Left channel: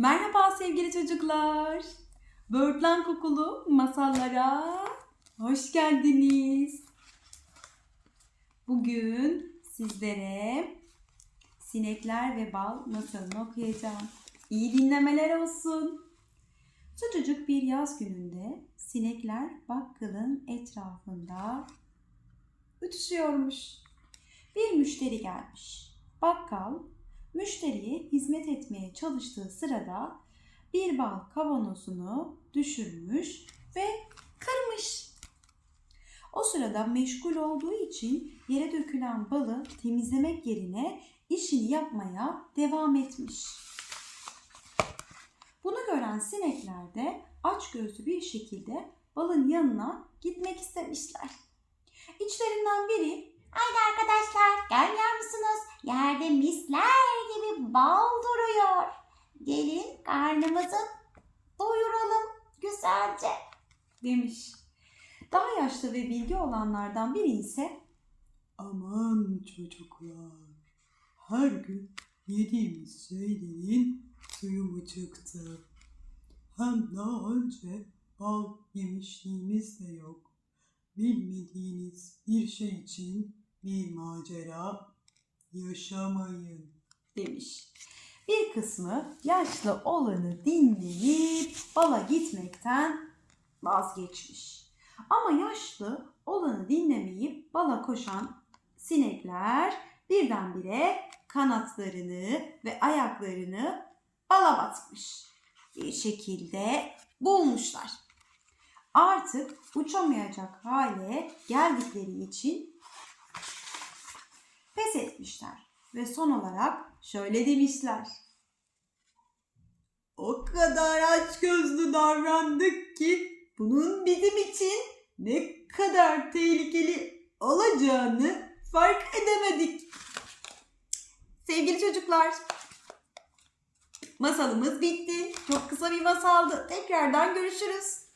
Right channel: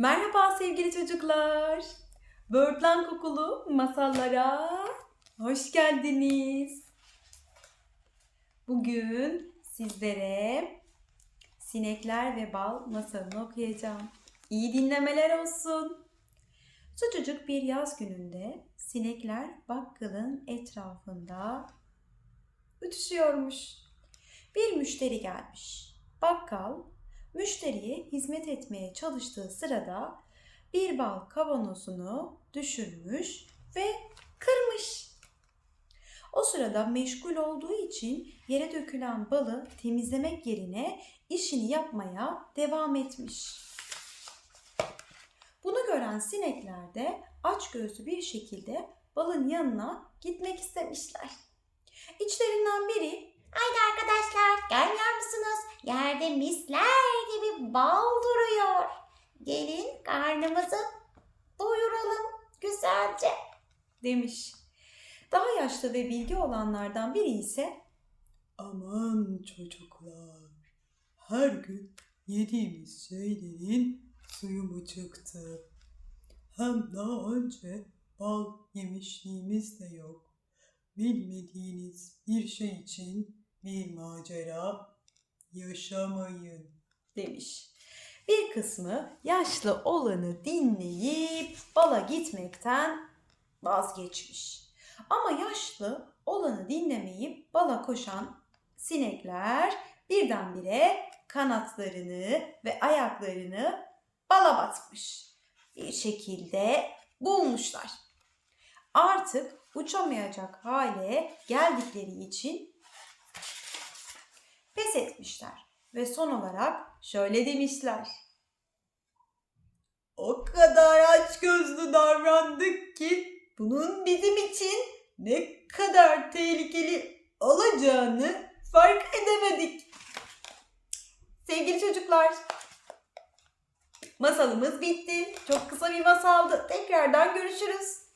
Merhaba sevgili çocuklar. Böğürtlen kokulu masallara hoş geldiniz. Bugün sizlere Sinekler ve Bal masalını okuyacağım. İyi dinlemeler olsun. Sıcacık bir yaz gününde sinekler bakkalın etrafında ütüşüyormuş. Bir müşteri gelmiş. Bakkal müşteriye hizmet etmeye çalıştığı sırada bir bal kavanozunu düşürmüş ve kırmış. O sırada meşgul olduğu için yere dökülen balı temizlemek yerine işini yapmaya devam etmiş. Bunu gören sinekler de açgözlü bir şekilde balın yanına gitmek istemişler. İçlerinden biri Haydi arkadaşlar gelmiyor musunuz? Yerde misler bal duruyor. Gelin karnımızı doyuralım güzelce. demiş. Daha yaşlı ve bilgi olanlardan biri ise Aman çocuklar, her gün yediğimiz şeylerin suyu mu çıktı? Hem daha önce bal yemişliğimiz de yok. Bilmediğiniz bir şey için bir macera yaşamayın. Demiş. Bir kısmı yaşlı olanı dinleyip bala gitmekten vazgeçmiş. Ama yaşlı olanı dinlemeyip bala koşan sinekler birdenbire kanatlarını ve ayaklarını bala batmış. Bir şekilde bulmuşlar. Artık uçamayacak hale geldikleri için pes etmişler ve son olarak şöyle demişler. O kadar açgözlü davrandık ki bunun bizim için ne kadar tehlikeli olacağını fark edemedik. Sevgili çocuklar, masalımız bitti. Çok kısa bir masaldı. Tekrardan görüşürüz.